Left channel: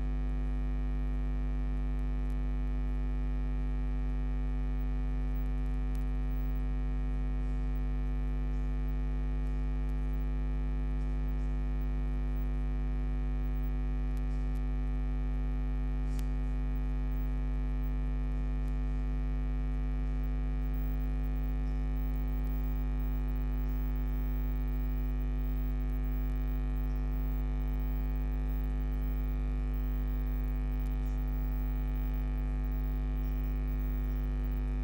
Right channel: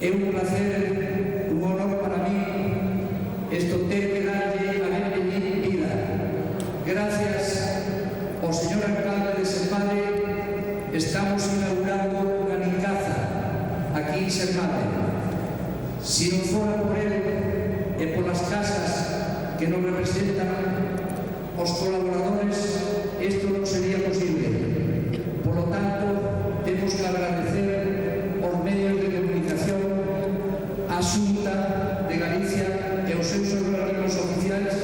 É un placer, un honor para mí esto ter que darlle a benvenir vida. Gracias ao señor alcalde de Sermade estamos inaugurando unha nicaza aquí en Sermade. Si non fora por él e polas casas que nos representan os colaboradores, isto non sería posible. Por lo tanto, temos que agradecer aos medios de comunicación, a Xunta de Galicia e os seus organismos oficiais,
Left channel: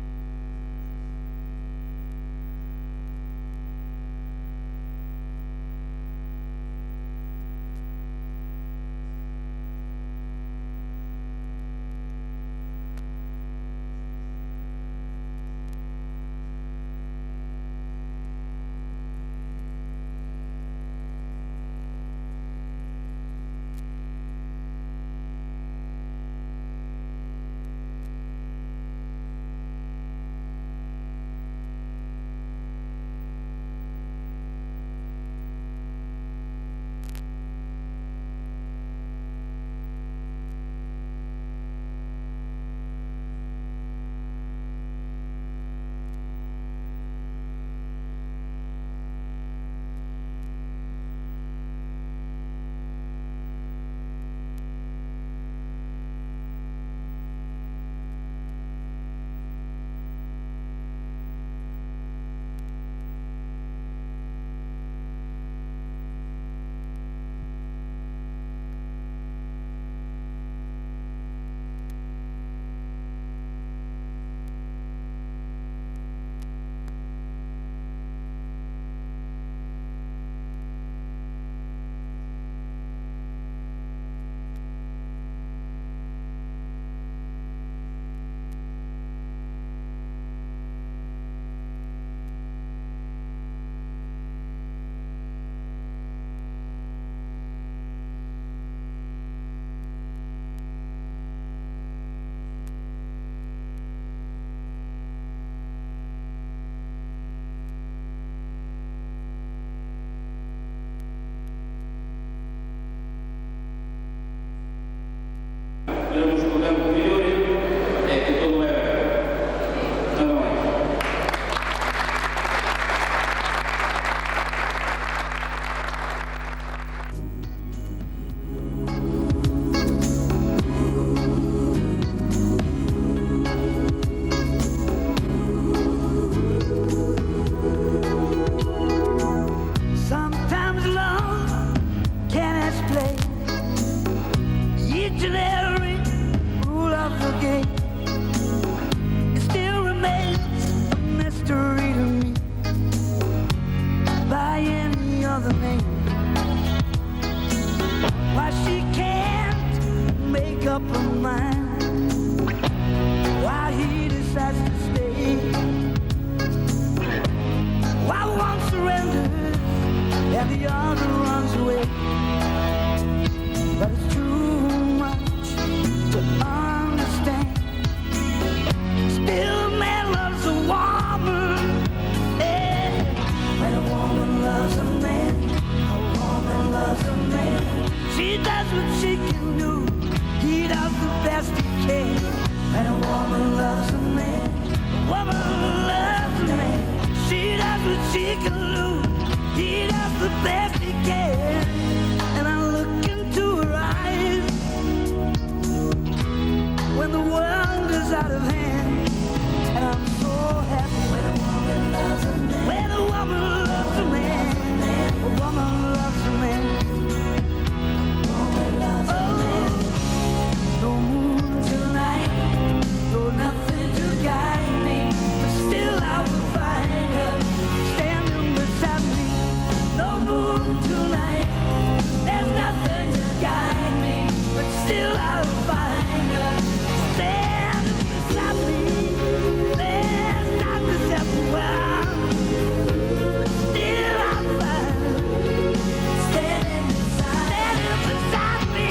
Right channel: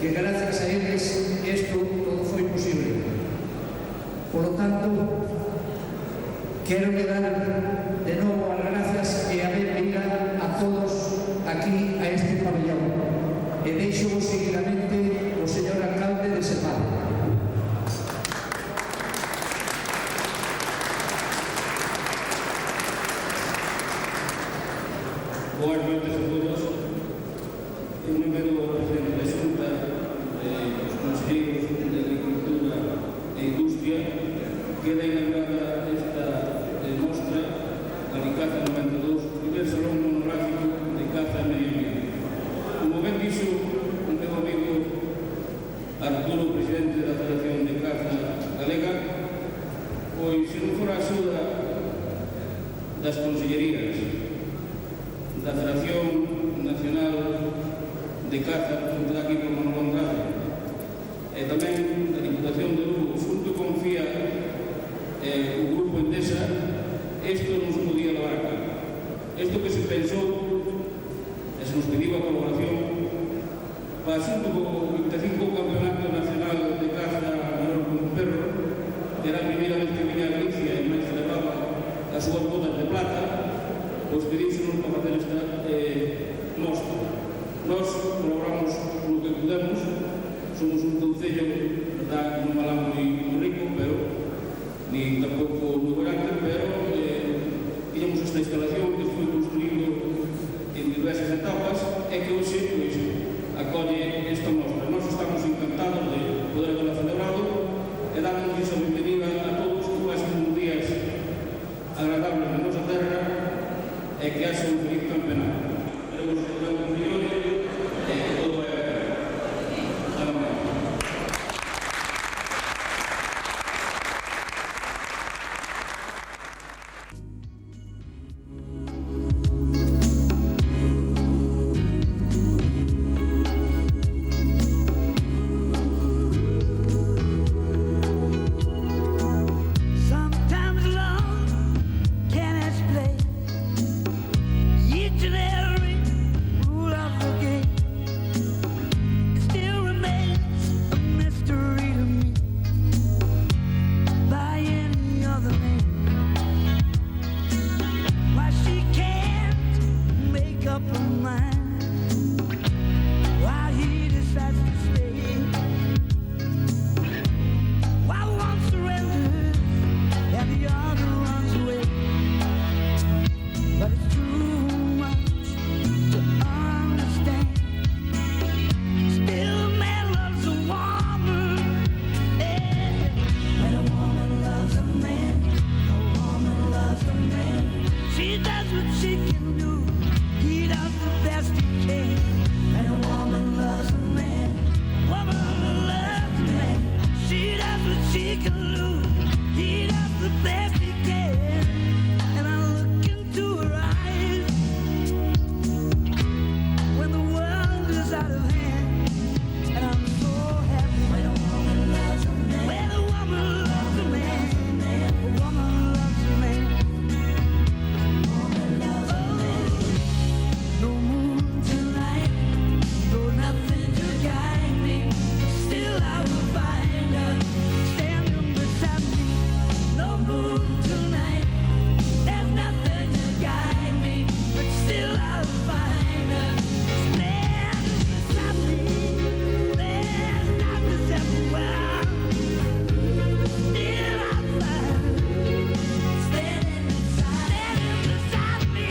que gracias a eles isto todo foi posible. Por lo tanto, quero dar de novo as gracias e a benvida a todos aquí a este pabellón. E deixo seguidamente o señor alcalde de Semana. Boas noites a todos. En número do presidente da Xunta, os conselleiros de Agricultura e Industria, queda inaugurada esta mostra Galicaza 92, primeiro salón monográfico de caza e medio ambiente. Como ben dixo un meu amigo Arturo, presidente da Federación de Caza Galega, pois se non fora a axuda das consellerías da Federación Nacional de Caza, junto aquí por Manuel Andrade, e tamén da Diputación de Lugo, junto con FIA o Grupo Endesa, isto non se podía levar a cabo. Isto que se pensou, e se nos pediu a colaboración, para xunto co 25 Campeonato Nacional de Caza menor con un perro, que era a primeira vez que venía a Galicia e máis celebraba as súas botas de plata, pois pedíxonos para facer esta mostra. Nós colaboramos no que podemos, somos un concello, verdad, non malamos moi rico, pero ni tampouco moi grande, pero tiñamos esta instalación que foi construído en diversas etapas e que hoxe pois, acolle esta mostra. Nós estamos encantados de poder haberla celebrado e damos a benvenida a todos que pasen uns días agradables na nosa terra e que haxa un feliz campeonato. Queremos contar con Millorio e que todo é nada máis. Sometimes love can explain each and every rule of the game. It still remains a mystery to me by any other name. Why she can't make up her mind, why he decides to stay, why one surrenders and the other runs away. But it's too much to understand. Still a man loves a woman, yeah. When a woman loves a man, a woman loves a man. She does what she can do, he does the best he can. When a woman loves a man, a woman loves a man. She does what she can do, he does the best he can. And I look into her eyes when the world is out of hand, and I'm so happy. When a woman loves a man, when a woman loves a man, a woman loves a man. No moon tonight, no nothing to guide me, but still I will find her standing beside me. No moon tonight, there's nothing to guide me, but still I'll find her standing beside me. There's darkness everywhere, but still I'll find her standing beside me.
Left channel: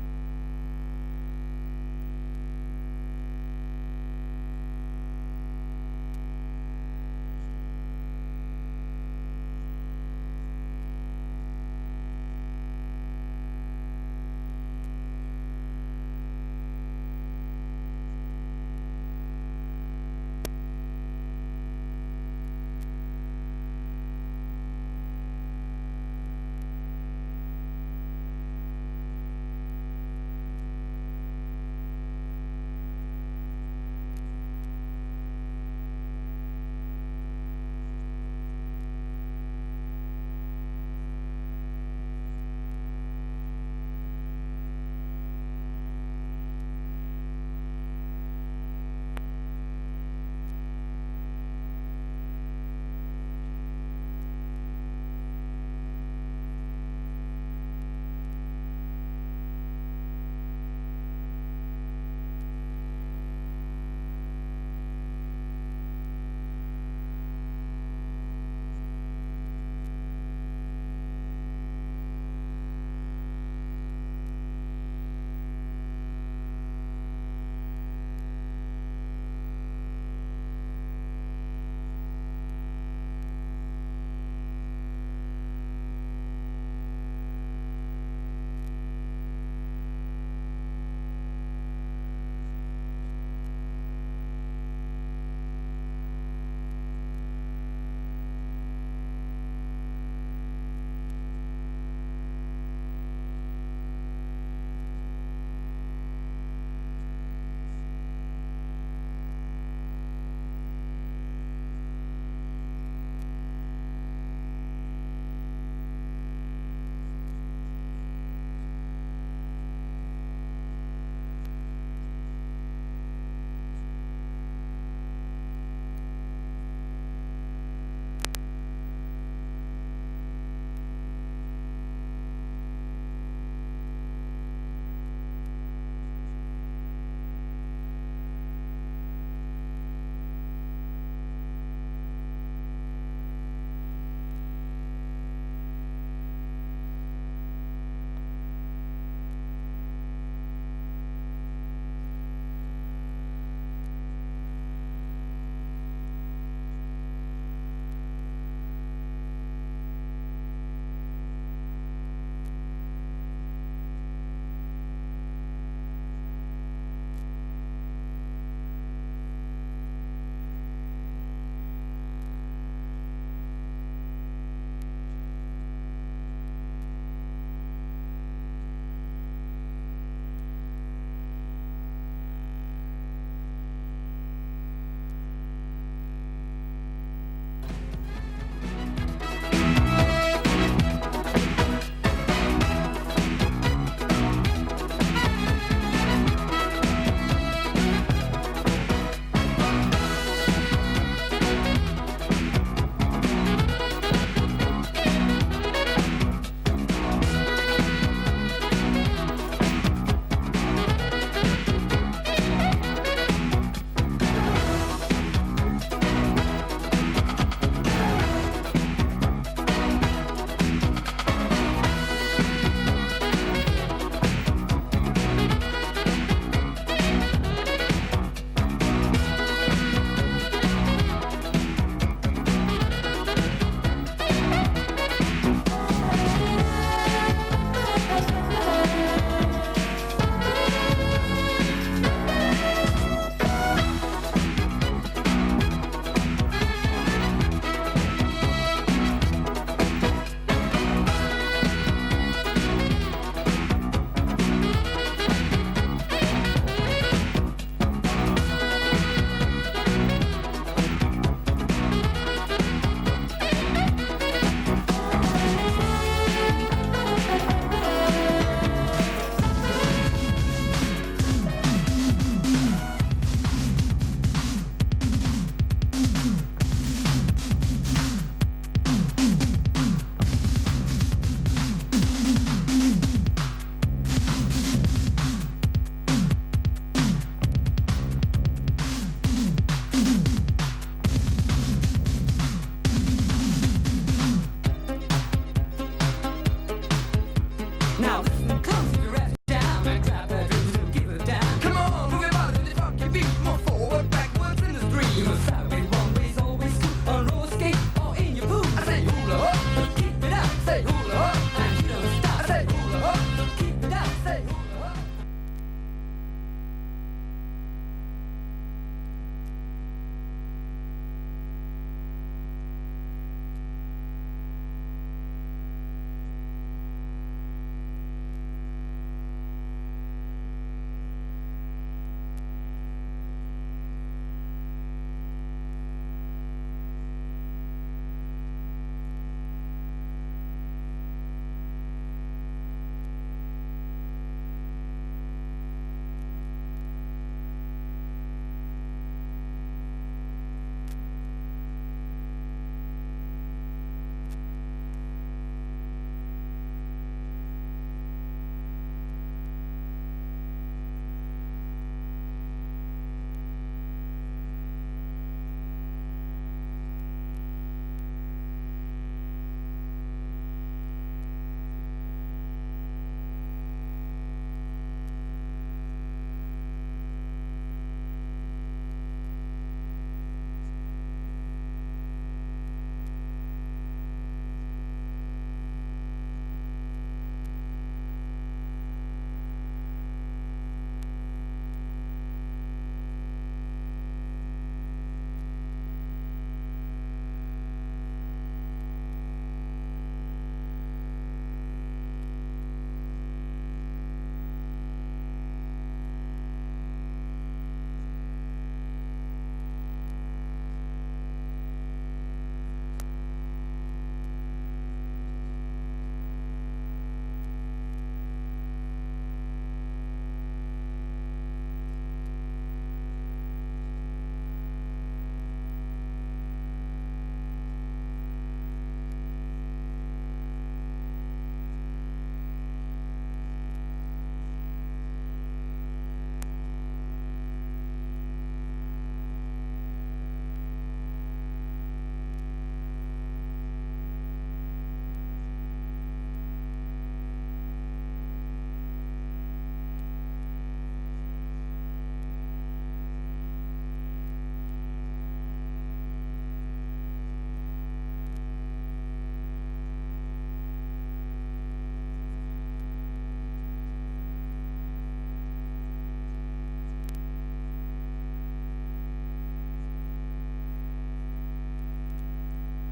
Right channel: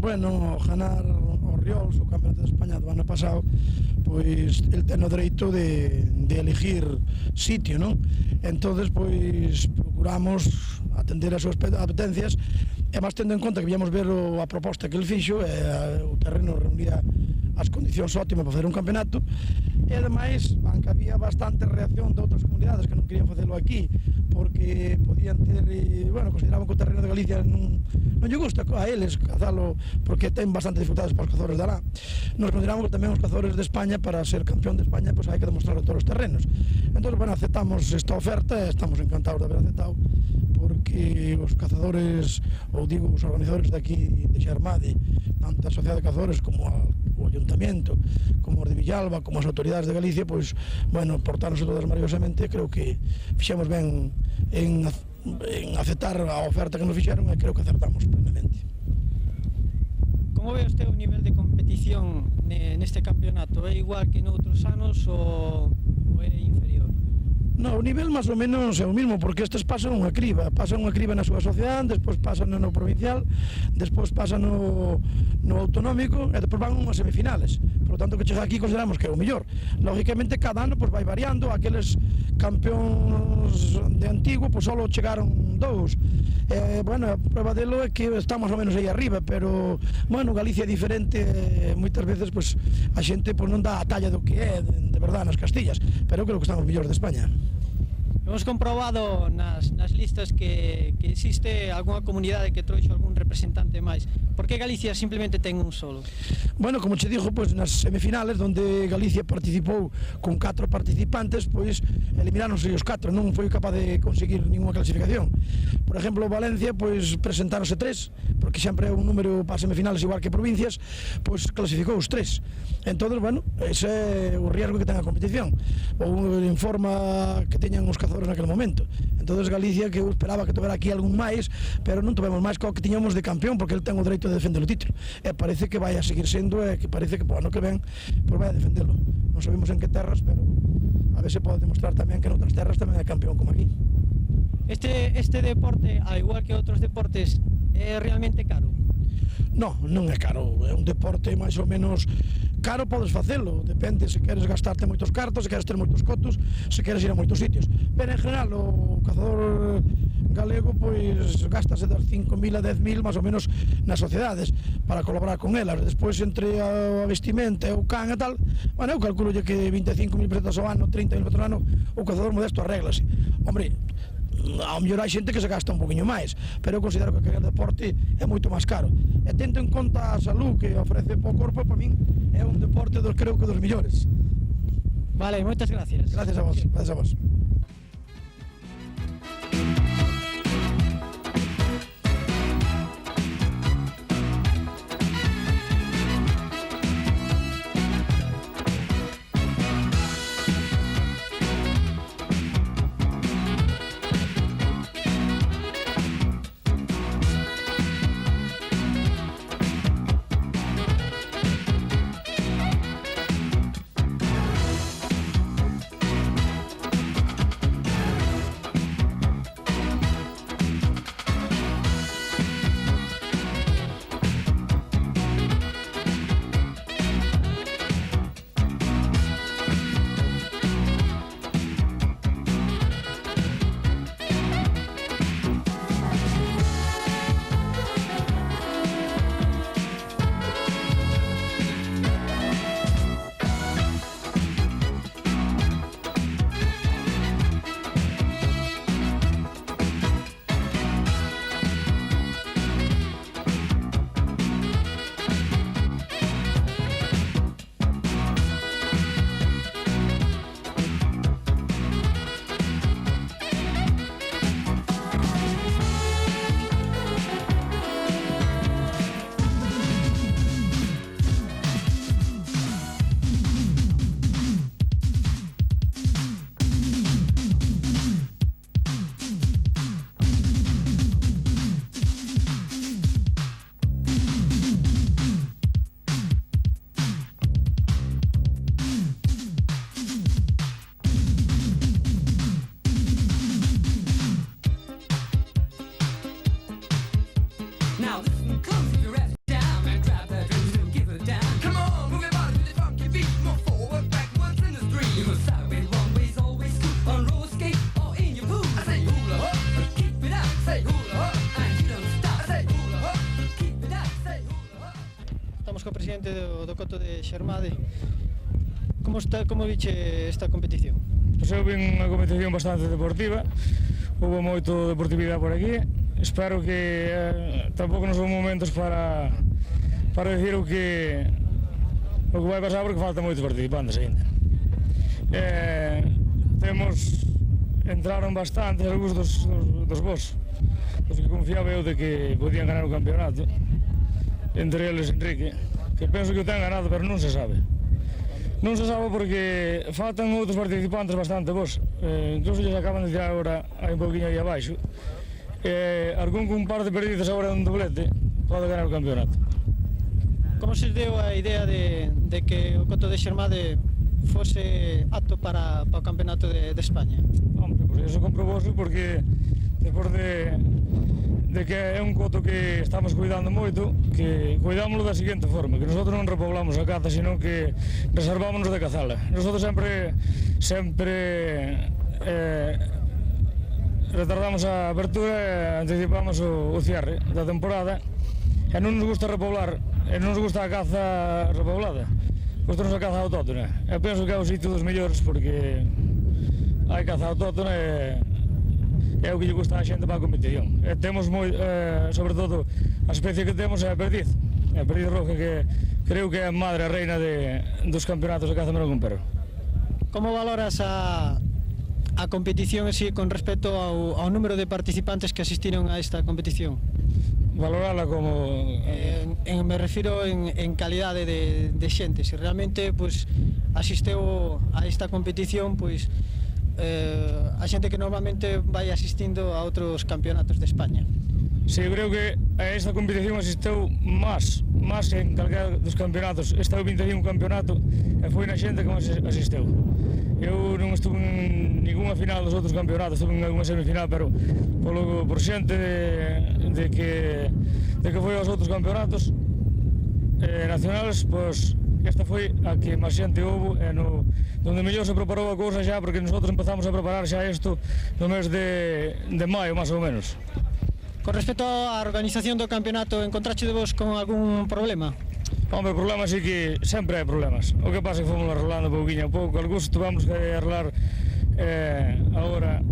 Bueno, ganar o Riols, o Campeonato de España do ano pasado, pois el ten o dereito de elegir sitio, non? Entonces, pois, procuramos atender as súas apetencias, e máis tendo en conta que víamos ver a proposta que el fixo, e o terreno reunía as condicións óptimas para facer un campeonato, e ademais, aunque había bastante reacción de outras comunidades que non querían facelo aquí, porque podían ter, bueno, consideraban que o terreno de Galicia non lle gusta a eles cazalo, porque ten bastante dificultades para os cazadores de alá. Nos consideramos que tamén os cazadores de España, para ser campeón de España, pues hai que demostrar todos os terrenos. Entón, bueno, aceptamos esta oferta e estamos encantados de haber aceptado, porque os cazadores, ou digo, os organizadores de aquí de Xermade, tanto a Sociedade de Cazadores como o Ayuntamiento, como os de Villalba, como as autoridades de Galicia, pois, bueno, portarnos todas maravillosamente. Creo que fixemos ben en aceptar a oferta que nos fixeron, e creo que acertamos plenamente. Como ve usted o nivel de competición neste campeonato? É igual que noutros anos ou é inferior? No, o nivel máis ou menos é o mismo, porque estes pasan unha criba na súa asociación, despois pasan no provincial, despois pasan no autonómico, e despois van unhas semifinales. Por lo tanto, que chega aquí consideramos que é o mellor. Lógicamente, cada ano vai variando, aqueles campeóns de antigo só chegaron 2. Bueno, a prova delo é que está máis ou menos aí arriba, pero, bueno, Galicia é diferente, moitas veces a xente non dá a talla do que é de verdade nas Castillas, pero creo que están os mellores de España. Hemos comprobado nas listas que existe algunha comunidade que trouxo algún representante máis. Por que Galicia simplemente ten un solo? Bueno, como che digo, nas semifinales, onde Galicia participou con 4 participantes, elimináronse os 4, non foi capaz de conseguir ninguna clasificación. Por exemplo, Valencia, presentáronse 3, porque sempre é un número para semifinales igual que provincias, clasificou os 3. Entón, bueno, ese é o riesgo que ten a competición, ou informa que teñan os cazadores naquele momento. Entón, Galicia, que eu esperaba que tovera aquí algún máis, pero non tovemos máis que o que tiñamos de campeón, porque el ten o dereito de defender o título, e parece que vai a seguir sendo, e que parece que po ano que ven vai a defendelo. Non sabemos en que terras, pero a ver se pode demostrar tamén que noutras terras tamén é campeón como aquí. Este deporte, ao igual que outros deportes, é realmente caro? Non, non é caro, é un deporte máis ou menos caro. Podes facelo, depende se queres gastarte moitos cartos, se queres ter moitos cotos, se queres ir a moitos sitios, pero en general o cazador galego gastase das 5.000 a 10.000 máis ou menos nas sociedades para colaborar con elas. Despois, entre a vestimenta e o can e tal, bueno, eu calculo que 25.000 pesetas ao ano, 30.000 pesetas ao ano, o cazador modesto arréglase. Hombre, ao mellor hai xente que se gasta un poquinho máis, pero eu considero que aquele deporte é moito máis caro, e tendo en conta a salud que ofrece o corpo, para min é un deporte creo que dos millores. Vale, moitas gracias. Gracias a vos, gracias a vos. Now comes the rest down. presidente do Coto de Xermade. Como viche esta competición? Pois eu vin unha competición bastante deportiva, houve moito deportividade por aquí. Espero que tampouco non son momentos para decir o que vai pasar, porque faltan moitos participantes ainda. Entraron bastantes algúns dos vos, os que confiaba eu de que podían ganar o campeonato, entre eles Enrique, que penso que o ten ganado, pero non se sabe. Non se sabe porque faltan outros participantes bastante bons, incluso lles acaban de tirar agora hai un pouquinho aí abaixo. Algún cun par de perdidos agora un doblete pode ganar o campeonato. Como se deu a idea de que o Coto de Xermade fose apto para o campeonato de España? Hombre, pues eso comprobouse porque despois de que é un coto que estamos cuidando moito, que cuidámoslo da seguinte forma, que nosotros non repoblamos a caza, sino que reservámonos de cazala. Nosotros sempre retardamos a apertura e anticipamos o cierre da temporada, e non nos gusta repoblar, e non nos gusta a caza repoblada. Gústanos a caza autóctona. Eu penso que é o sitio dos mellores porque hai caza autóctona e é o que lle gusta a xente para a competición. E temos sobre todo, a especie que temos é a perdiz. A perdiz roja, que creo que é a madre, a reina dos campeonatos de caza mero con perro. Como valoras a competición en sí con respecto ao número de participantes que asistiron a esta competición? Valorala como... me refiro en calidade de xente. Se realmente asisteu a esta competición, a xente que normalmente vai asistindo a outros campeonatos de España. Sí, eu creo que a esta competición asisteu máis en calquera dos campeonatos. Este é o 21 campeonato e foi na xente que asisteu. Eu non estuve en ninguna final dos outros campeonatos, estuve en alguna semifinal, pero por xente de que foi aos outros campeonatos nacionales, pois esta foi a que máis xente houve donde mellor se preparou a cousa xa, porque nosotros empezamos a preparar xa isto no mes de maio, máis ou menos. Con respecto á organización do campeonato, encontraxedevos con algún problema? Hombre, problemas sí que sempre hai problemas. O que pasa é que fomos arreglando pouquinho a pouco, algúns tuvamos que arreglar agora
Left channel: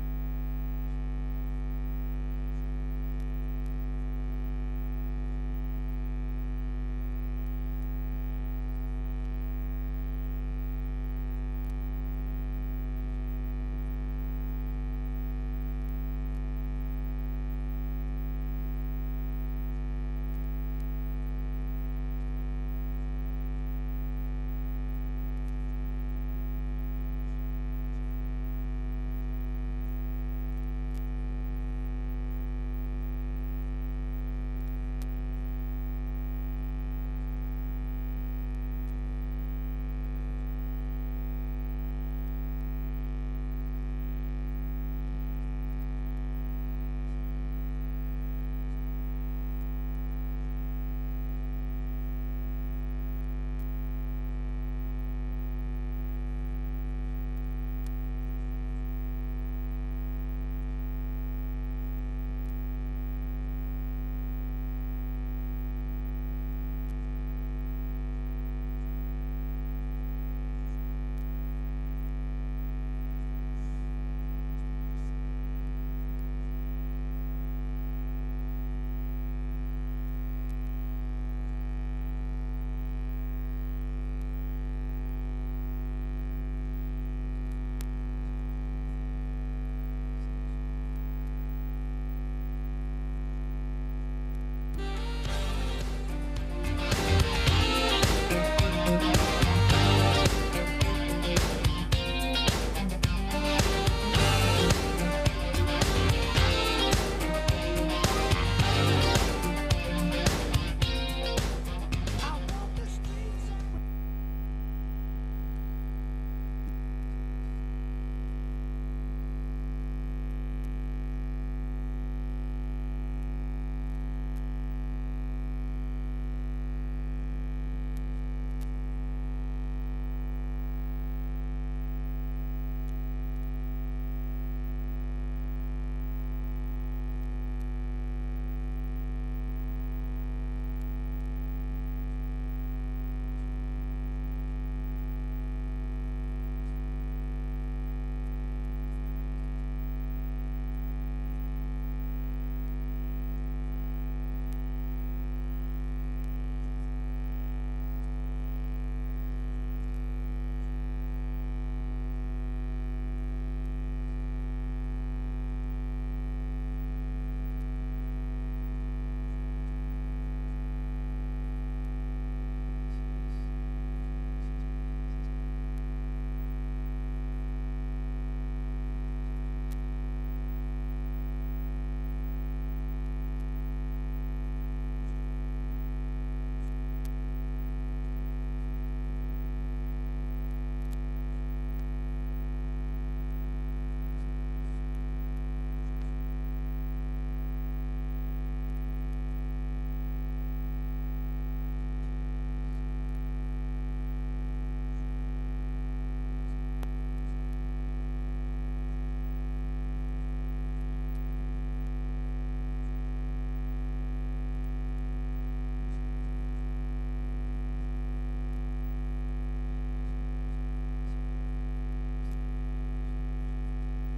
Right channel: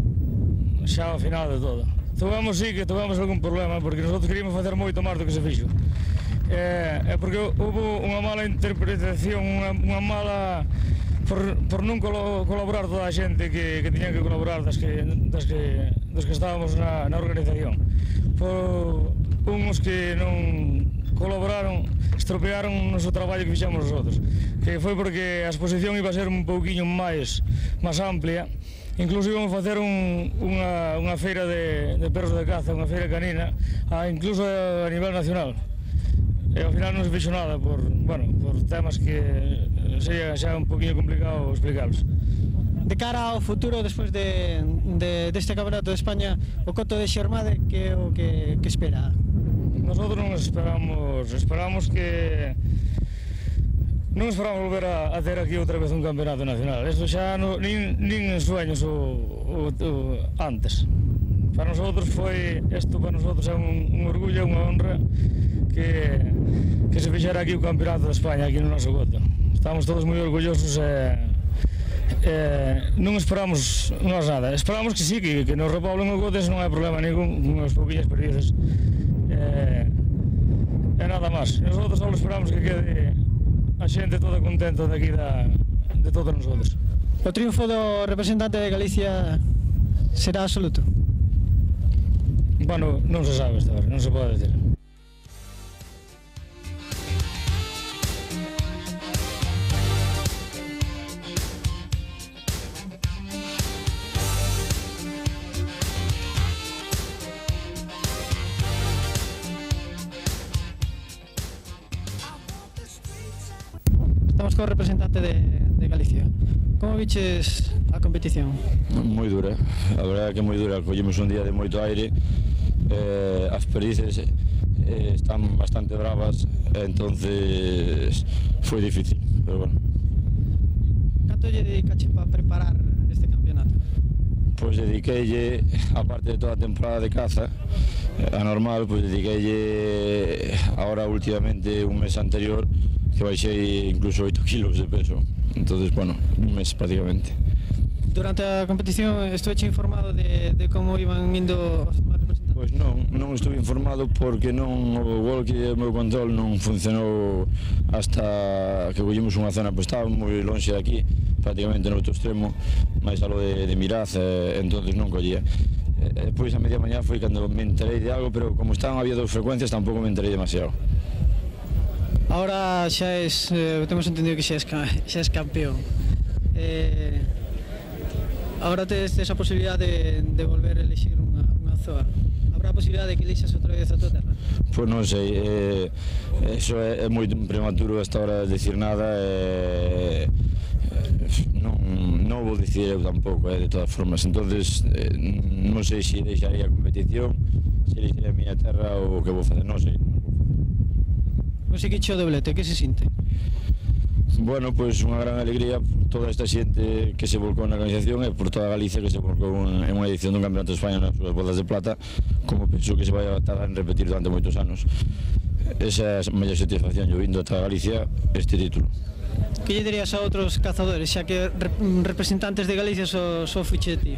xa ao final de todo. Tuvamos algún problema, porque nosotros queríamos facer moito máis do que se fixo. Porque houve unha mala interpretación, unha mala... por non colaborar toda a xente que tiñan que colaborar dos que estábamos na organización. Por uns que non colaboraron, estropearon o noso traballo que fixamos nosotros, que foi porque a exposición iba a ser un pouquiño máis amplia. Incluso íbamos facer unha feira de perros de caza, unha feira canina, incluso a nivel nacional. E ao final non se fixo nada por temas que sería xa un poquinho complicado explicarlos. De cara ao futuro, despois deste campeonato de España, o Coto de Xermade, que é o que espera? Nosotros non esperamos que... Non esperamos volver a ter aquí outra vez un campeonato nacional. Eso xa nin en sueños antes. Para nosotros para nosotros é un orgullo, unha honra que se fixera aquí o campeonato de España, aquí no noso Coto. Estamos todos moi orgullosos non esperamos nada. Esperamos que sí, que nos repoblen o Coto, non hai problema ningún con as pouquinhas perdidas. E nada máis. Nosotros só esperamos que quede a xente toda contenta de aquí de todos nosotros. O triunfo do representante de Galicia será absoluto? Bueno, non se sabe esta hora, non se pode dizer. Estamos co representante de Galicia. Como viches a competición? Moi dura, a verdade é que moi dura. Collemos un día de moito aire, as perices están bastante bravas, entonces foi difícil, pero bueno. Canto lle dedicache para preparar este campeonato? Pois dediqueille, aparte de toda a temporada de caza, a normal, pois dediqueille agora últimamente un mes anterior, que baixei incluso 8 kilos de peso. Entonces, bueno, un mes prácticamente. Durante a competición estuveche informado de como iban indo os representantes? Pois non estuve informado porque non o walkie e o meu control non funcionou hasta que collemos unha zona, pois estaba moi lonxe de aquí, prácticamente no outro extremo, máis alo de Miraz, entonces non collía. Depois a media mañá foi cando me enterei de algo, pero como estaban había 2 frecuencias tampouco me enterei demasiado. Ahora xa es, temos entendido que xa es campeón. Ahora tes esa posibilidade de volver a elixir unha zoa. Habrá a posibilidade de que elixas outra vez a tua terra? Pois non sei, iso é moi prematuro a esta hora de decir nada, non vou dicir eu tampouco, de todas formas. Entonces, non sei se deixaría a competición, se elixaría a miña terra ou o que vou facer, non sei. Conseguiche o doblete, que se sinte? Bueno, pois unha gran alegría toda esta xente que se volcou na organización e por toda Galicia que se volcou en unha edición dun Campeonato de España nas súas bodas de plata, como penso que se vai a tardar en repetir durante moitos anos. Esa é a mellor satisfacción, yo vindo ata Galicia este título. Que lle dirías a outros cazadores, xa que representantes de Galicia só fiche de ti?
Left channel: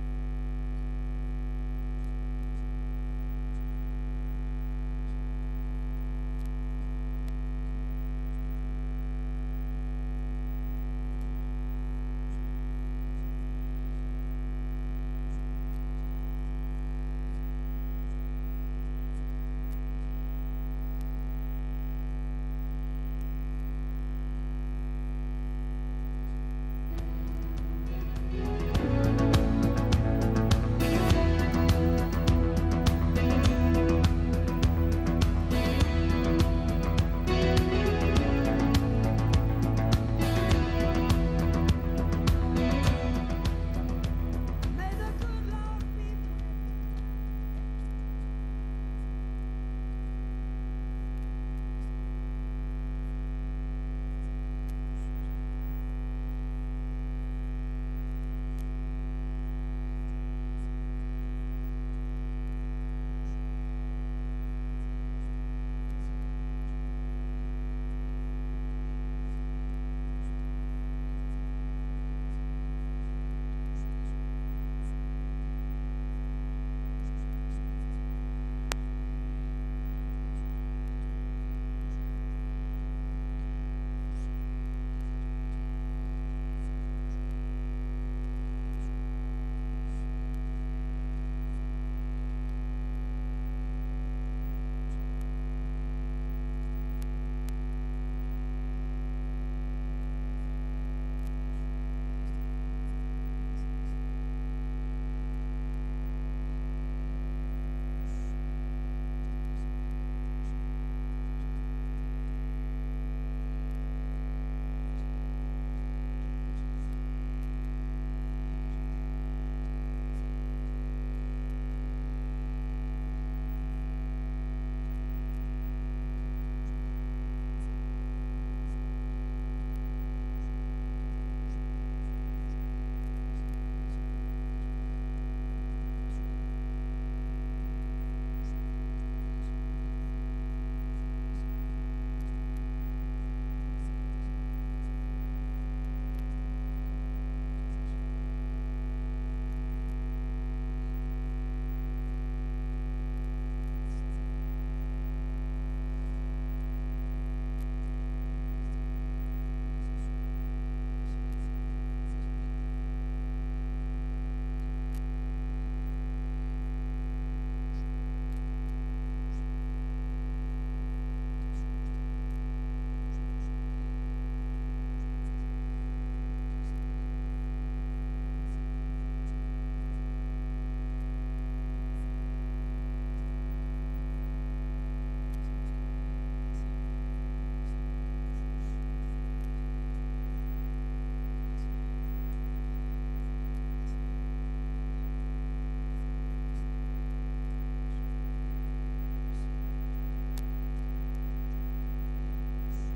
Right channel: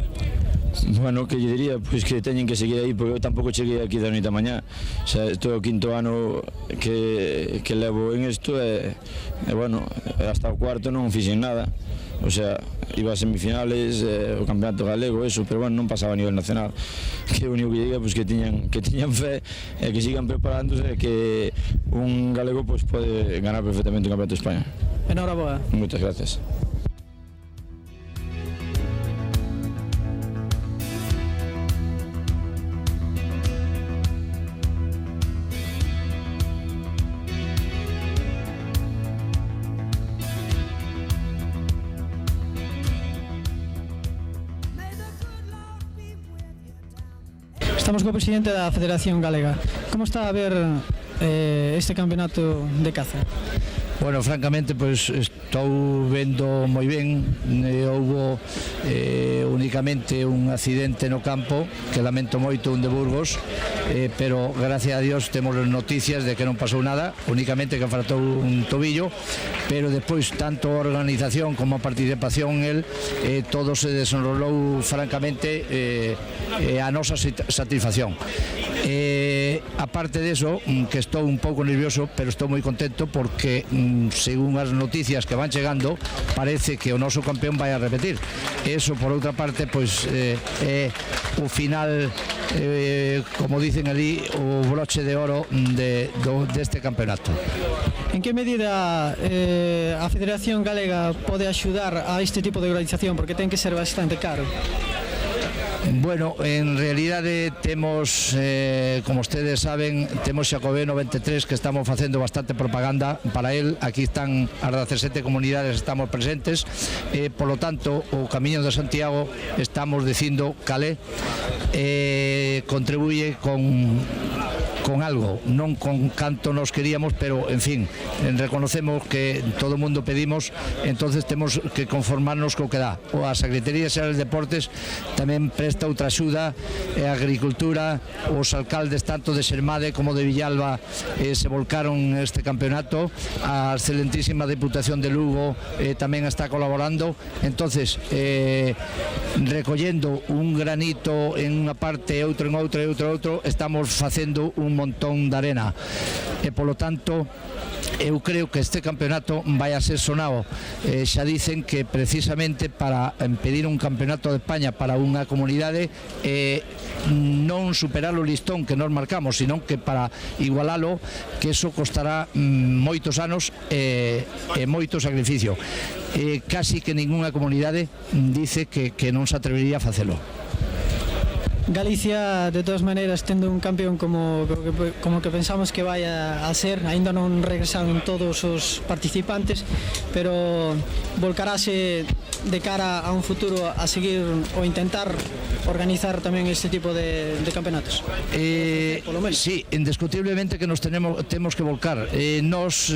Bueno, que lle diría, pois que teñen que seguir aí, porque eu tampouco cheguei aquí da noite a mañá. O sea, isto é o 5º ano que levo en isto e bueno, hasta o 4º non fixen nada. O sea, iba a semifinales, o campeonato galego, eso, pero bueno, non pasaba a nivel nacional. Que o único que diga, pois que teñan fe e que sigan preparándose e que un galego pois pode ganar perfectamente o campeonato de España. Enhoraboa. Moitas gracias. Estamos co presidente da Federación Galega. Como está a ver este campeonato de caza? Bueno, francamente, pois estou vendo moi ben. Houbo únicamente un accidente no campo que lamento moito, un de Burgos, pero gracias a Dios temos noticias de que non pasou nada, únicamente que faltou un tobillo, pero depois tanto a organización como a participación en el, todo se desenrolou francamente a nosa satisfacción. Aparte de eso, que estou un pouco nervioso, pero estou moi contento porque según as noticias que van chegando parece que o noso campeón vai a repetir. Eso por outra parte pois é o final, como dicen ali, o broche de oro deste campeonato. En que medida a Federación Galega pode axudar a este tipo de organización, porque ten que ser bastante caro? Bueno, en realidade temos, como ustedes saben, temos Xacobeo 93 que estamos facendo bastante propaganda para él. Aquí están as 17 comunidades, estamos presentes, polo tanto o Camiño de Santiago estamos dicindo calé, contribuye con algo, non con canto nos queríamos, pero en fin, reconocemos que todo o mundo pedimos, entonces temos que conformarnos co que dá. A Secretaría Xeral de Deportes tamén presta outra axuda, a Agricultura, os alcaldes tanto de Sermade como de Villalba se volcaron este campeonato, a excelentísima Deputación de Lugo tamén está colaborando, entonces recollendo un granito en unha parte, outro en outra e outro, estamos facendo un montón de arena e polo tanto eu creo que este campeonato vai a ser sonado. Xa dicen que precisamente para pedir un campeonato de España para unha comunidade non superar o listón que nos marcamos, sino que para igualalo, que eso costará moitos anos e moito sacrificio. Casi que ninguna comunidade dice que non se atrevería a facelo. Galicia, de todas maneiras, tendo un campeón como que pensamos que vai a ser, aínda non regresaron todos os participantes, pero volcarase de cara a un futuro a seguir ou intentar organizar tamén este tipo de campeonatos? Sí, indiscutiblemente que nos temos que volcar. Nos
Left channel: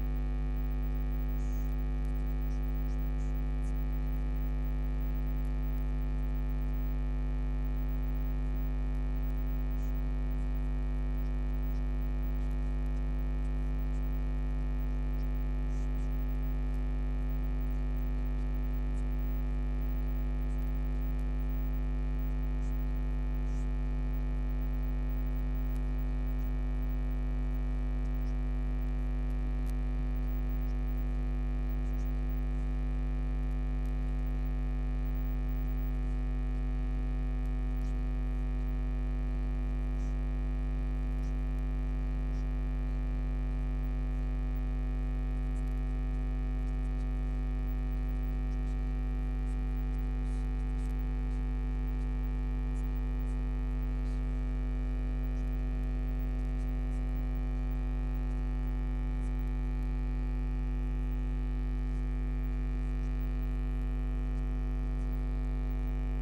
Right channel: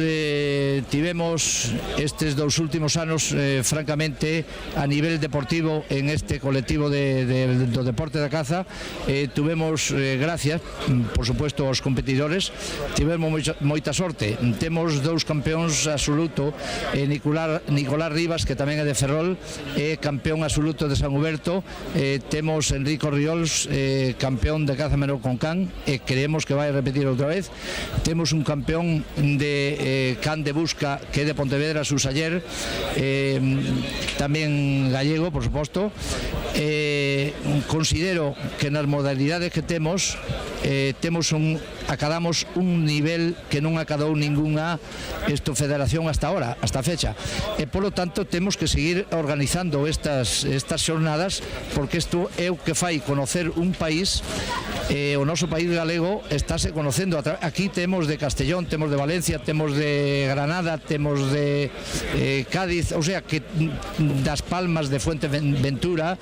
tivemos estes 2 últimos anos, francamente, a nivel deportivo en este colectivo do deporte da caza, Busca. Tuvemos, gracias, por supuesto, aos competidores, tivemos moita sorte. Temos dous campeóns absoluto, Nicolás Rivas, que tamén é de Ferrol, é campeón absoluto de San Huberto. Temos Enrico Riols, campeón de caza menor con can, e creemos que vai repetir outra vez. Temos un campeón de can de busca que é de Pontevedra, Susaller, tamén gallego, por suposto. Considero que nas modalidades que temos acadamos un nivel que non acadou ningunha federación hasta ahora, hasta a fecha, e polo tanto temos que seguir organizando estas xornadas, porque isto é o que fai conocer un país. O noso país galego estáse conocendo. Aquí temos de Castellón, temos de Valencia, temos de Granada, temos de Cádiz, o sea que das Palmas, de Fuenteventura,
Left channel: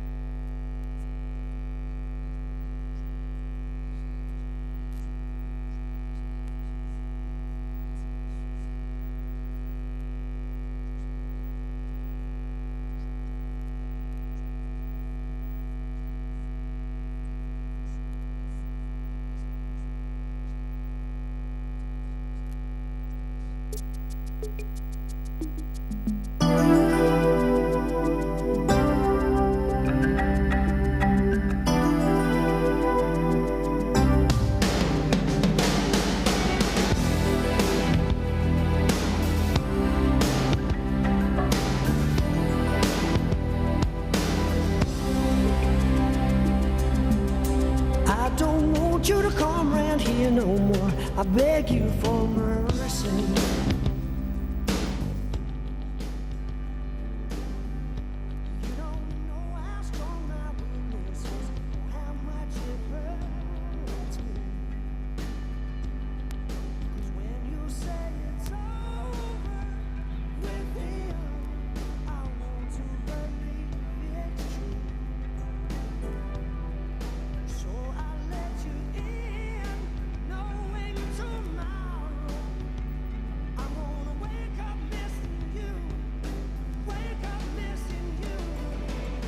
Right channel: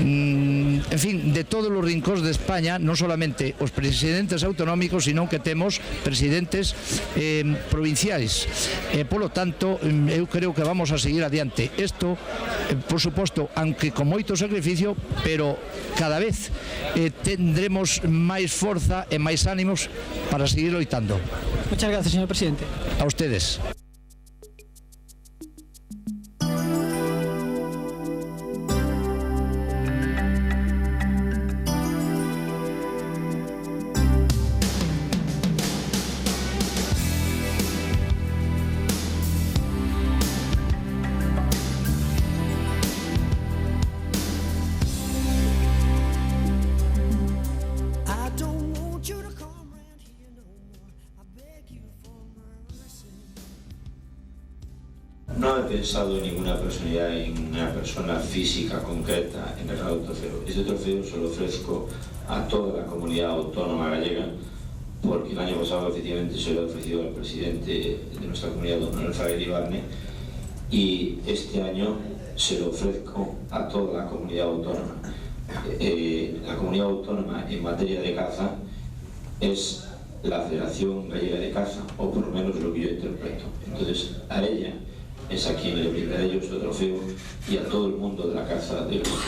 en fin, de todos os rincóns de España, non solamente os presidentes autonómicos, sino que temos presidentes provinciais. Polo tanto, eu creo que vamos a seguir adiante. Isto, por suposto, aunque con moito sacrificio, pero cada vez tendremos máis forza e máis ánimos para seguir loitando. Muchas gracias, señor presidente. A ustedes. No he pensado en ninguna personalidad, en una persona física concreta en el trofeo. Ese trofeo se lo ofrezco a toda la comunidad autónoma gallega, porque el año pasado efectivamente se lo he ofrecido al presidente de nuestra comunidad, don Manuel Fraga Iribarne, y este año se lo ofrezco a toda la comunidad autónoma. La comunidad autónoma en materia de caza es la Federación Gallega de Caza, o por lo menos lo que yo interpreto. Entonces, a ella es a quien le brindaré yo este trofeo y a todo el mundo de la caza de Europa.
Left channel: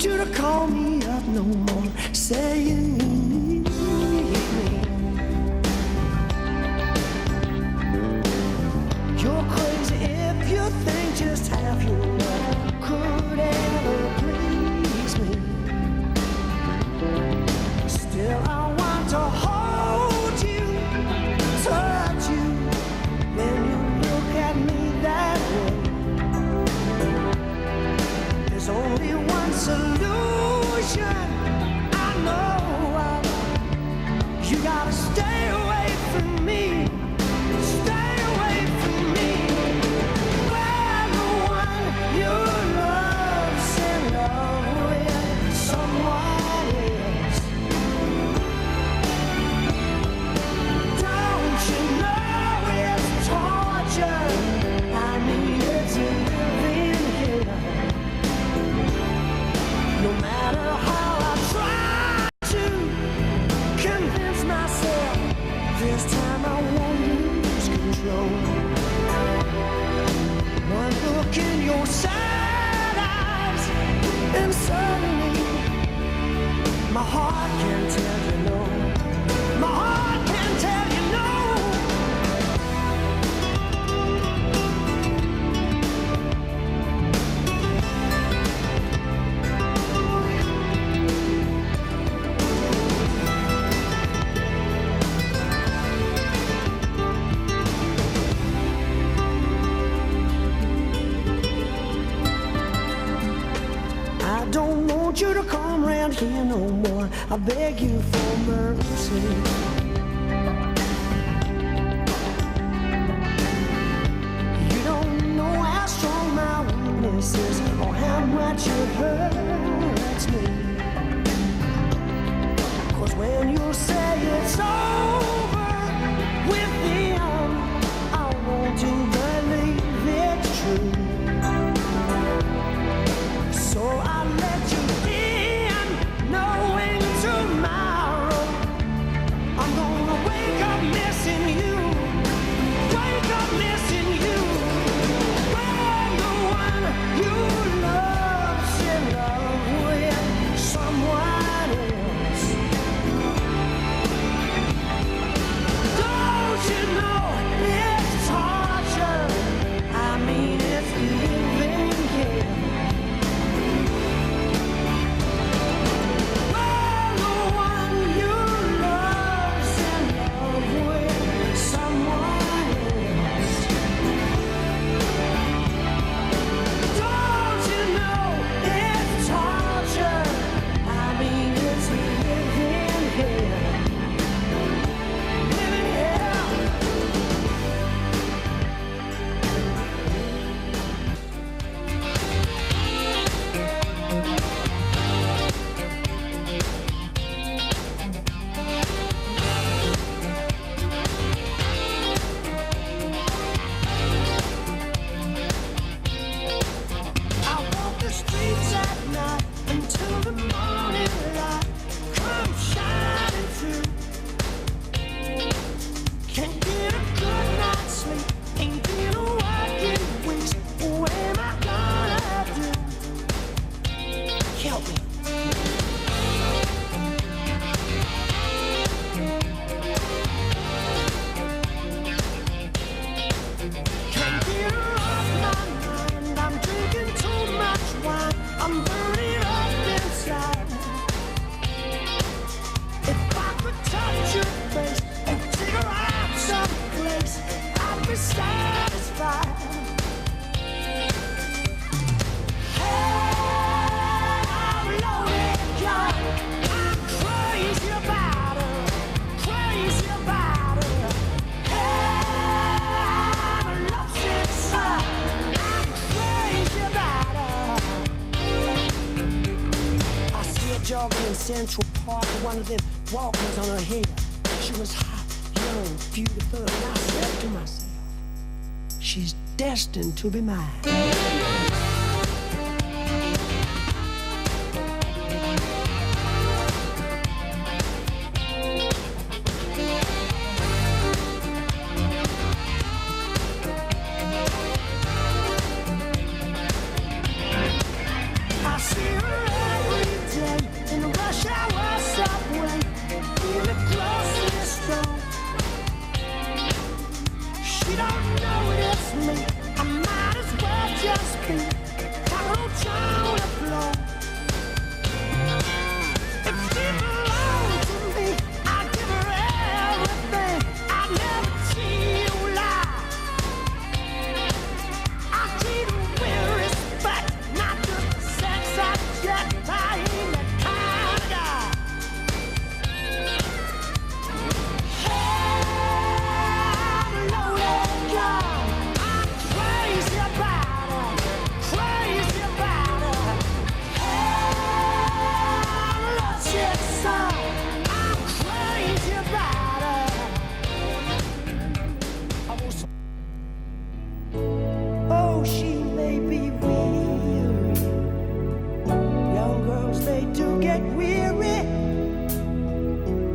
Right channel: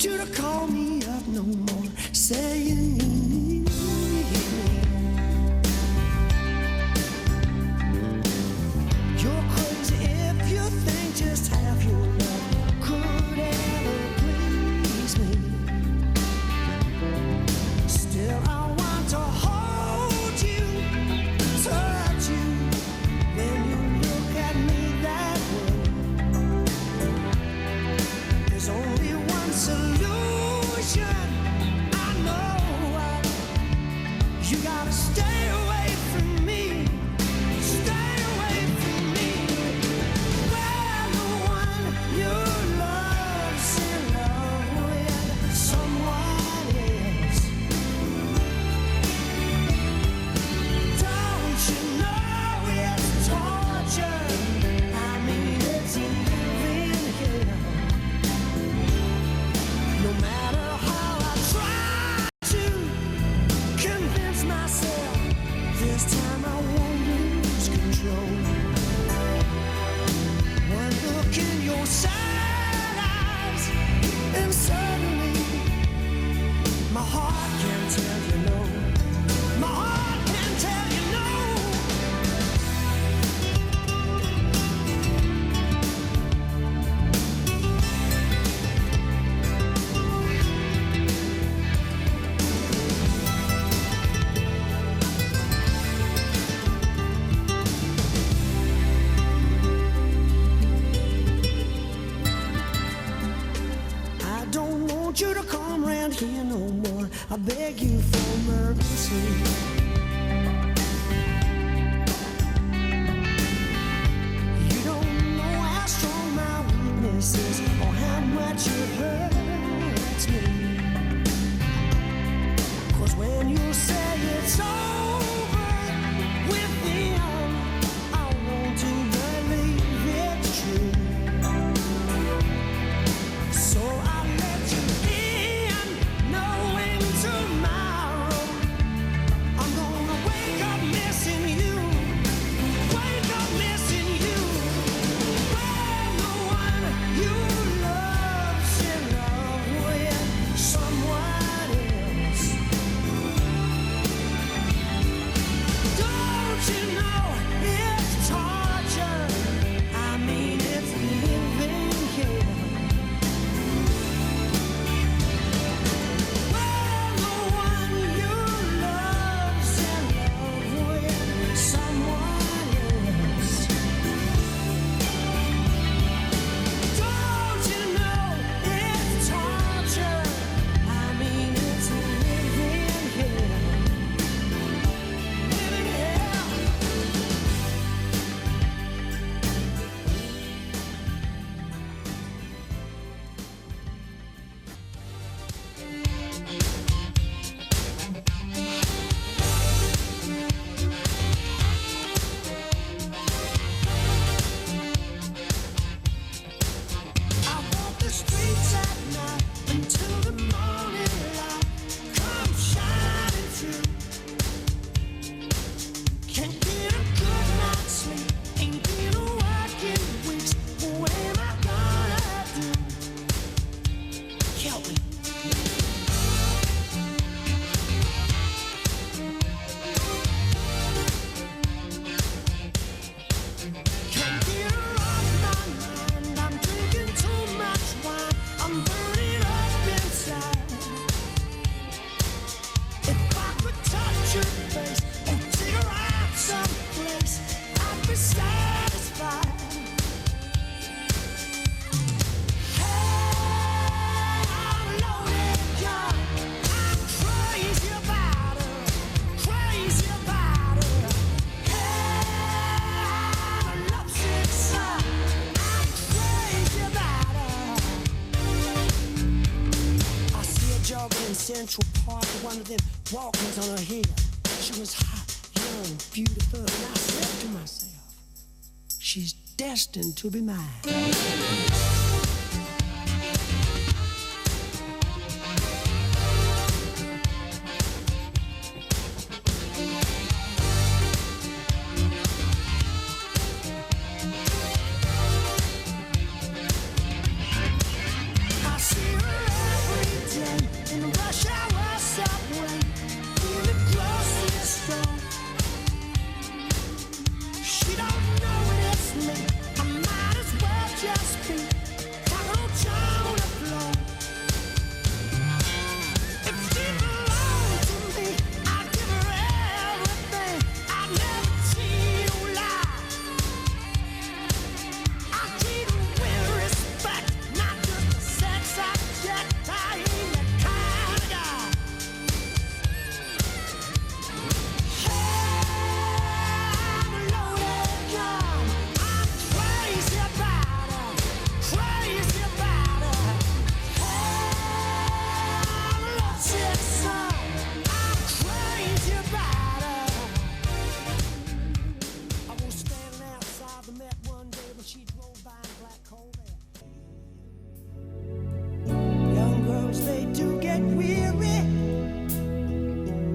You to call me up no more, saying you need me. You're crazy if you think just half your love could ever please me. Still I want to hold you, touch you, when you look at me that way. There's only one solution, I know want you to come round here no more. I beg you for mercy. You don't know how strong my weakness is or how much it hurts me. 'Cause when you say it's over with them, I want to believe it's true. So I let you in, knowing tomorrow I'm gonna wake up missing you, wake up missing you. When the one you love's in love with someone else. Don't you know it's torture? I mean it's living hell. When the one you love's in love with someone else. Don't you know it's torture? I mean it's living hell. Living hell. I walk the streets at night until the morning light comes shining through. Can't get a good night's sleep, ain't been a work in weeks. What am I gonna do? Help me. Can't get her off my mind. I'm drinking too much wine. I'm burning up inside. If I could touch your face or take her out someplace, I'd be satisfied. Hey, I'm loaded, John. I'm crazy about her, crazy about her. Hey, I'm a lovesick son. I'm crazy about her. I see her jogging in Central Park with one of them Walkmans on her head. She was hot, young, beautiful, and I said to myself, she's destined to be mine. I see her every day in the rush hour subway, in the grocery store. She don't know it's me. I might as well just be talking on John the floor. If she belonged to me, I'd give her everything. I'd never cheat or lie. I treat her with respect, not just a sex object. I ain't that kind of guy. Hey, I'm a loaded gun. I'm crazy about her, crazy about her. Hey, I'm a lovesick son. I'm crazy about her. I was standing outside the Metro. Oh, she may be weary. Young girls, they do get weary,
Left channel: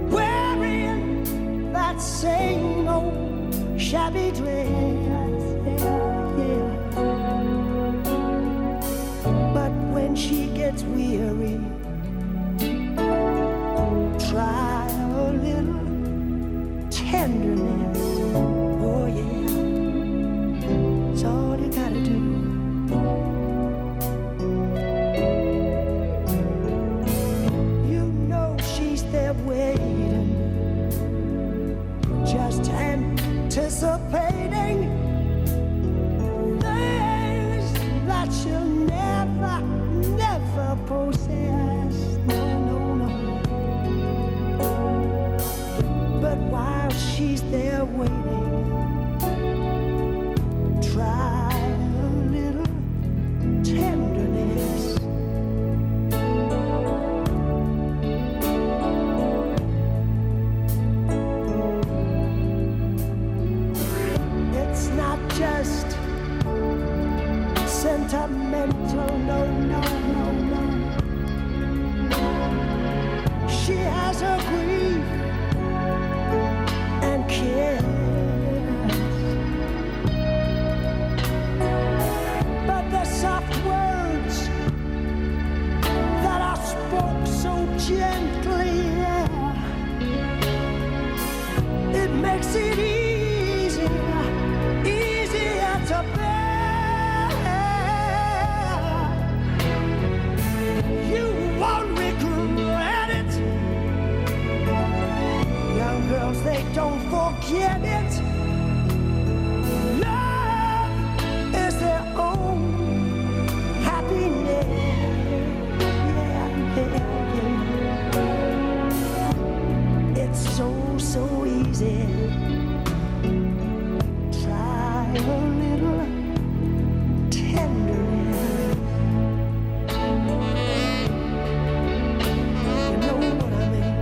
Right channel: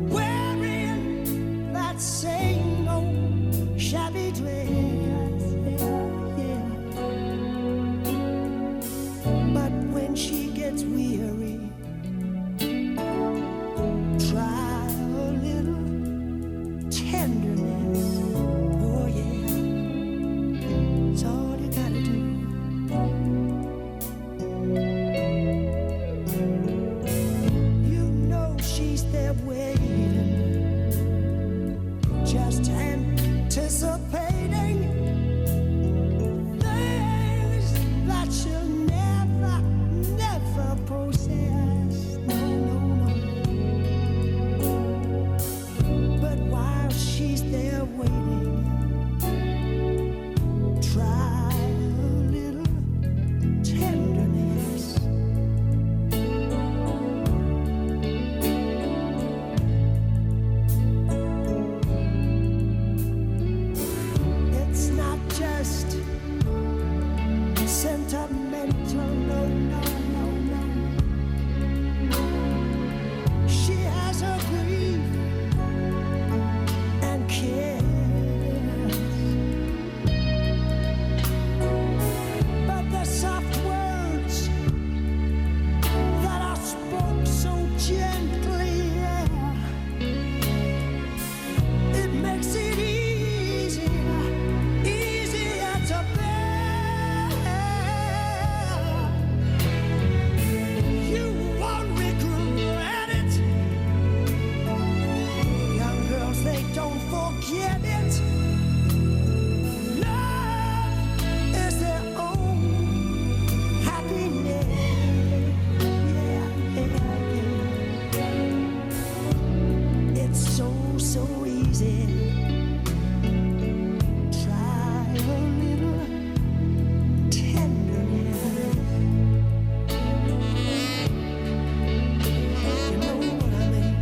wearing that same old shabby dress. Yeah, yeah. But when she gets weary, try a little tenderness. Oh yeah, it's all you gotta do. You know she's there waiting, just anticipating things that she'll never, never possess. she's there waiting. Try a little tenderness. It's not just sentimental, no, no, no, no. She has her grief and cares, but the soft words that are spoke so gently, yeah, it makes it easier to bear. You won't regret it. Young girls, they don't forget it. Love is their own happiness. Yeah, yeah, yeah. It's so, so easy. Try a little tenderness. You know what I mean?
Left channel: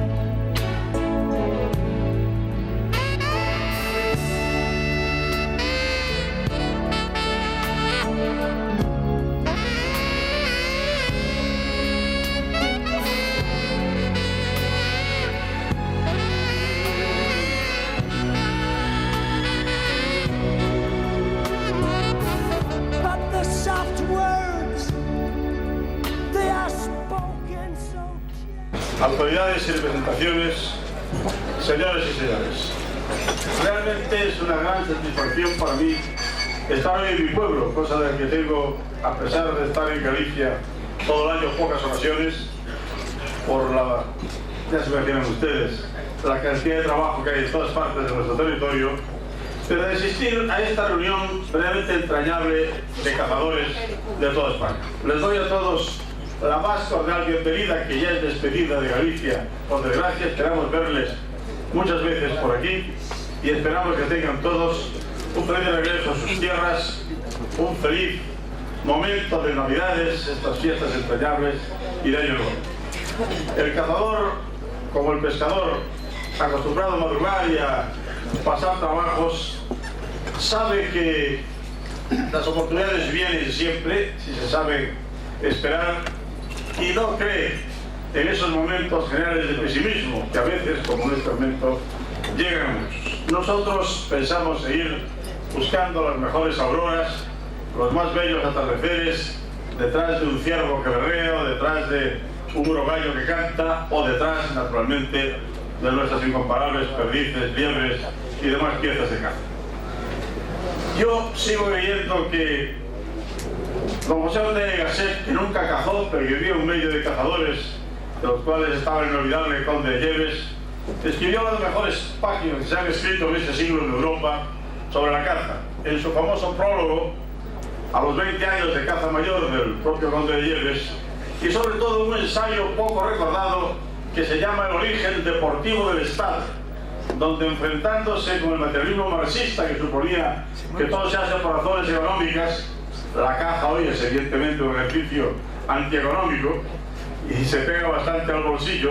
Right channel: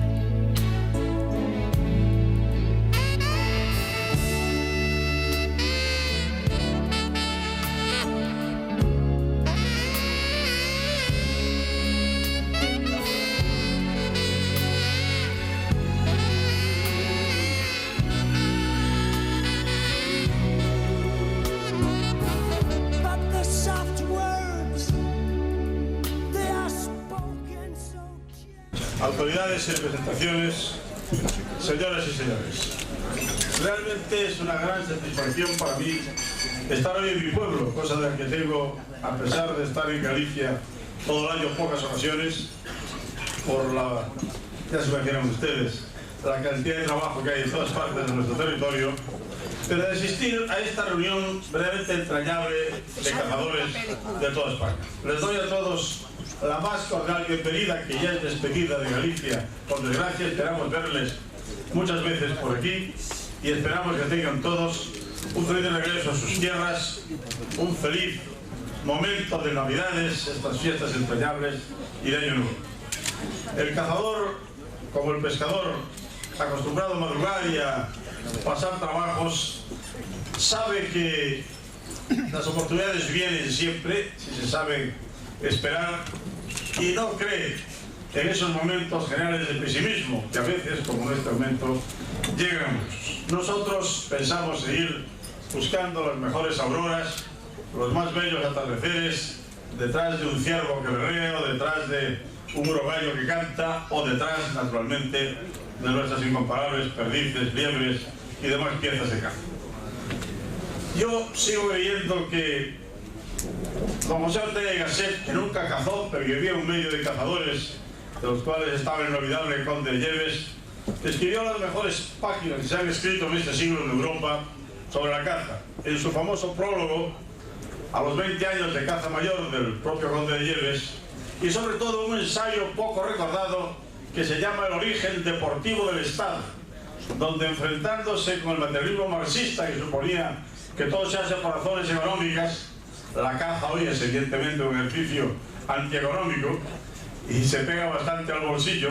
But the soft words, they are spoken so gently. Autoridades y representaciones, señores y señores, realmente es una gran satisfacción para mí estar hoy en mi pueblo, cosa de la que tengo, a pesar de estar en Galicia todo el año, pocas ocasiones, por la, ya se imaginan ustedes, la cantidad de trabajo que hay en todas partes de nuestro territorio, pero de asistir a esta reunión realmente entrañable de cazadores de toda España. Les doy a todos la más cordial bienvenida, que ya es despedida de Galicia. Por desgracia, esperamos verles muchas veces por aquí y esperamos que tengan todos un feliz regreso a sus tierras, un feliz momento de Navidades, estas fiestas entrañables y de Año Nuevo. El cazador, como el pescador, acostumbrado a madrugar y a pasar trabajos, sabe que las oportunidades vienen siempre, si se sabe esperar, y no cree en esos momentos generales de pesimismo que a veces, como en este momento, llegan a muchos. Nosotros pensamos seguir buscando las mejores auroras, los más bellos atardeceres, detrás de un ciervo que berrea, o detrás de un urogallo que canta, o detrás, naturalmente, de nuestras incomparables perdices, liebres y demás piezas de caza. Yo sigo creyendo que don José Ondaya y Gasset, que nunca cazó, pero que vivía en un medio de cazadores, de los cuales estaba el inolvidable conde de Lleves, escribió las mejores páginas que se han escrito en este siglo en Europa sobre la caza. En su famoso prólogo, a los 20 años de caza mayor del propio conde de Lleves, y sobre todo un ensayo poco recordado que se llama El origen deportivo del Estado, donde, enfrentándose con el materialismo marxista que suponía que todo se hace por razones económicas, la caza hoy es evidentemente un ejercicio antieconómico y se pega bastante al bolsillo,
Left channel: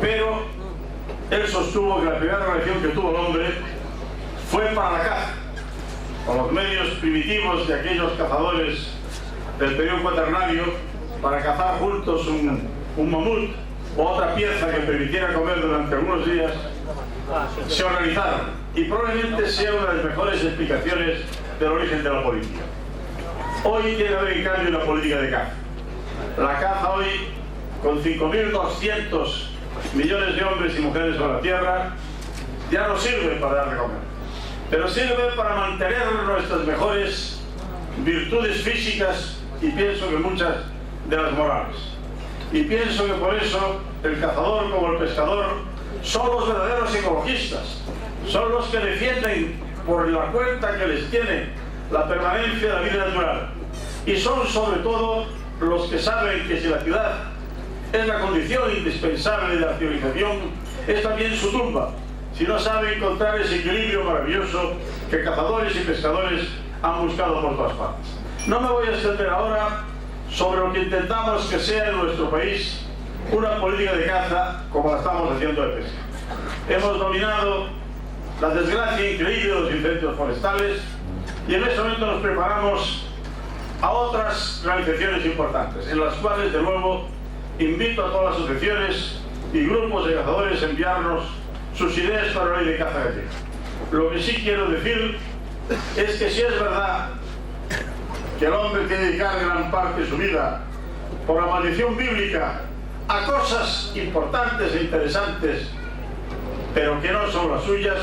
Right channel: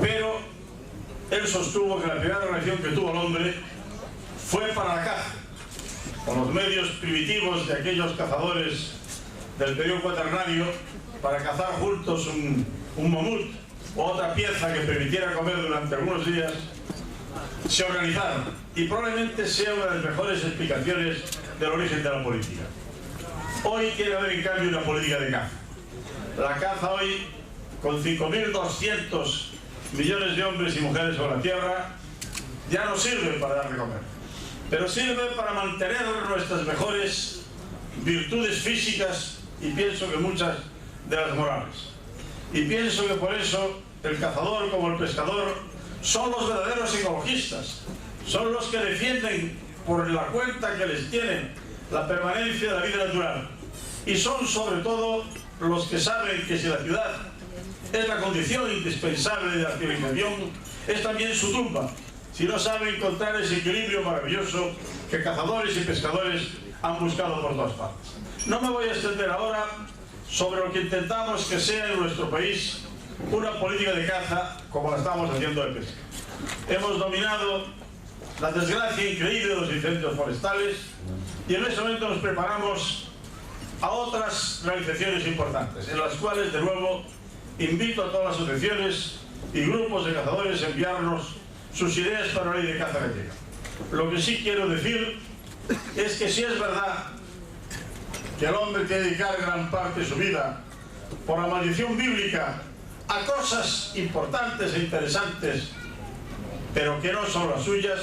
pero él sostuvo que la primera relación que tuvo el hombre fue para la caza, con los medios primitivos de aquellos cazadores del periodo cuaternario, para cazar juntos un mamut o otra pieza que permitiera comer durante algunos días, se organizaron, y probablemente sea una de las mejores explicaciones del origen de la política. Hoy tiene que haber en cambio una política de caza. La caza hoy, con 5.200 millones de hombres y mujeres sobre la tierra, ya no sirve para dar de comer, pero sirve para mantener nuestras mejores virtudes físicas y pienso que muchas de las morales. Y pienso que por eso el cazador, como el pescador, son los verdaderos ecologistas, son los que defienden por la cuenta que les tiene la permanencia de la vida natural, y son sobre todo los que saben que si la ciudad es la condición indispensable de la civilización, es también su tumba, si no sabe encontrar ese equilibrio maravilloso que cazadores y pescadores han buscado por todas partes. No me voy a extender ahora sobre lo que intentamos que sea en nuestro país una política de caza como la estamos haciendo de pesca. Hemos dominado la desgracia increíble de los incendios forestales y en este momento nos preparamos a otras realizaciones importantes, en las cuales, de nuevo, invito a todas las asociaciones y grupos de cazadores a enviarnos sus ideas para la ley de caza gallega. Lo que sí quiero decir es que si es verdad que el hombre tiene que dedicar gran parte de su vida por la maldición bíblica a cosas importantes e interesantes, pero que no son las suyas,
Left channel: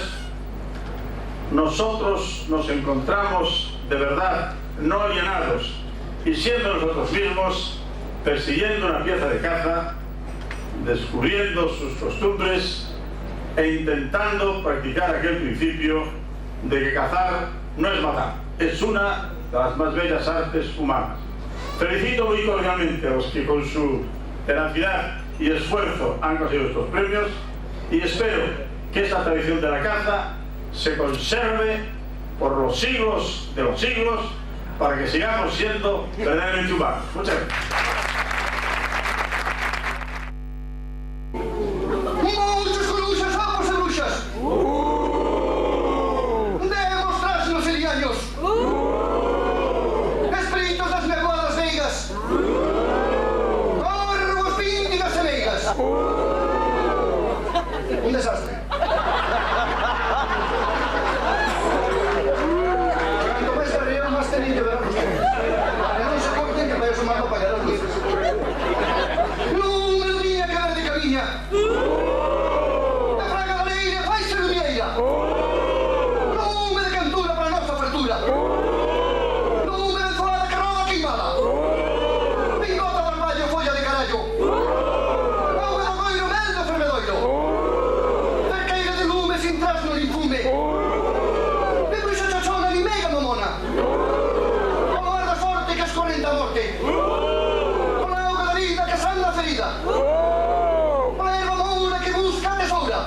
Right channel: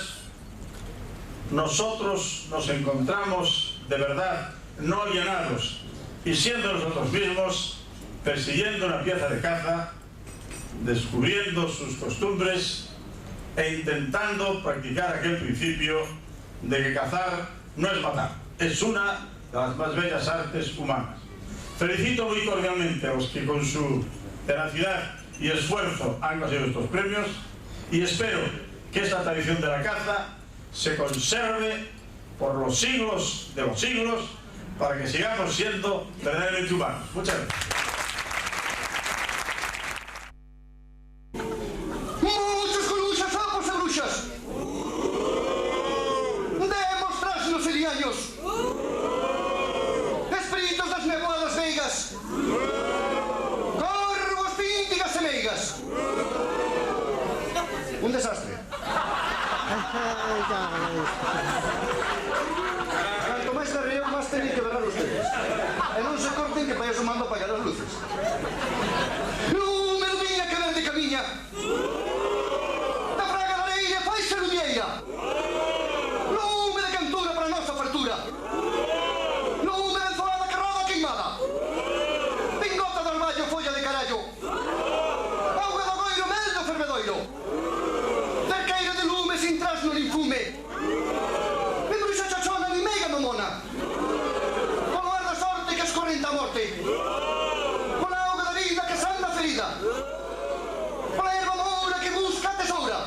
nosotros nos encontramos de verdad no alienados y siendo nosotros mismos persiguiendo una pieza de caza, descubriendo sus costumbres e intentando practicar aquel principio de que cazar no es matar, es una de las más bellas artes humanas. Felicito muy cordialmente a los que con su tenacidad y esfuerzo han conseguido estos premios y espero que esta tradición de la caza se conserve por los siglos de los siglos para que sigamos siendo verdaderamente humanos. Muchas gracias. Muchos coruchas, sapos y bruxas. Demostrarse los eliaños. Espíritus das nevadas veigas. Corvos, píndigas e meigas. Un desastre. Cuanto máis carreón, máis tenéis que verán ustedes. E non se corten que para eso mando apagar as luces. Non me viña que ver de camiña. Da fraga da leira faise lumieira. Non me de cantura para a nosa fartura. Non me de enzoada que roda queimada. Pingota de armallo, folla de carallo. Auga do goiro, mel do fervedoiro. Cerqueira de lume sin trasno nin fume. De bruxa chochona ni meiga mamona. Como ar da sorte que escorrenta a morte. Con a auga da vida que sana a ferida. Con a erva moura que busca a tesoura.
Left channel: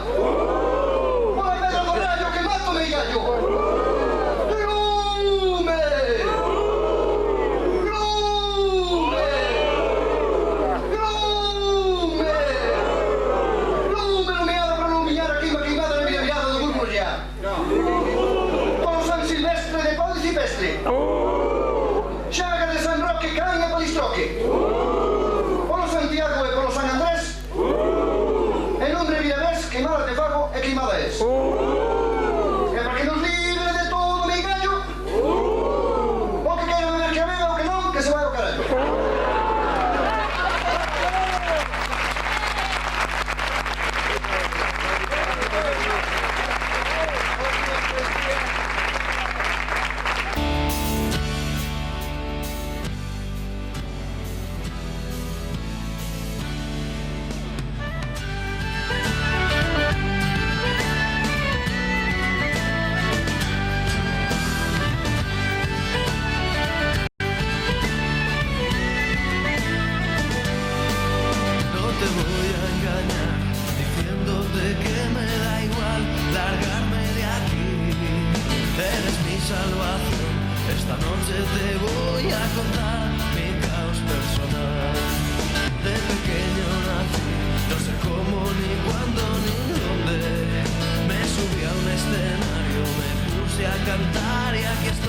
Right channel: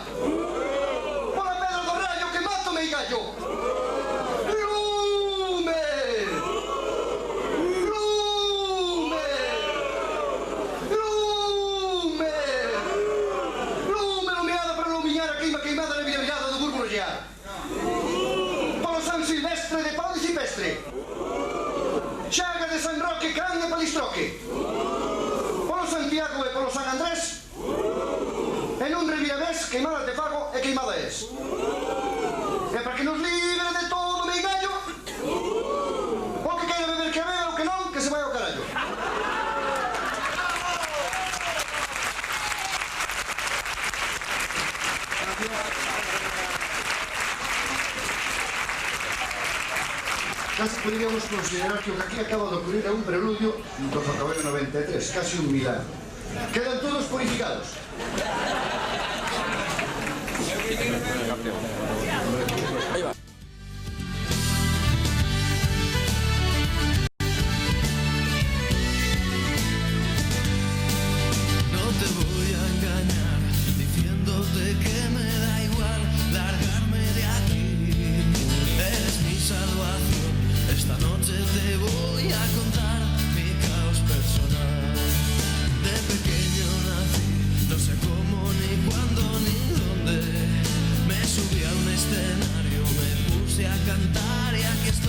Con a pedra do rayo que mata o meigallo. Lume! Lume! Lume! Lume lumeada para iluminar a queima queimada na virgada do Burmollar. Polo San Silvestre de Pau de Cipestre. Chagas de San Roque, Caña, Palistroque. Polo Santiago e polo San Andrés. E non revirabés, queimada te fago e queimada es. E para que nos libre de todo meigallo, o que queira beber que beba, o que non, que se vai ao carallo. Casi podríamos considerar que aquí acaba de ocurrir un preludio do Ferrocarril 93, casi un milagro. Quedan todos purificados. No te voy a engañar diciéndote que me da igual largarme de aquí. Eres mi salvación. Esta noche te voy a contar mi caos personal. De pequeño nací, no sé cómo, ni cuándo, ni dónde. Me subí a un escenario, me puse a cantar y aquí estoy.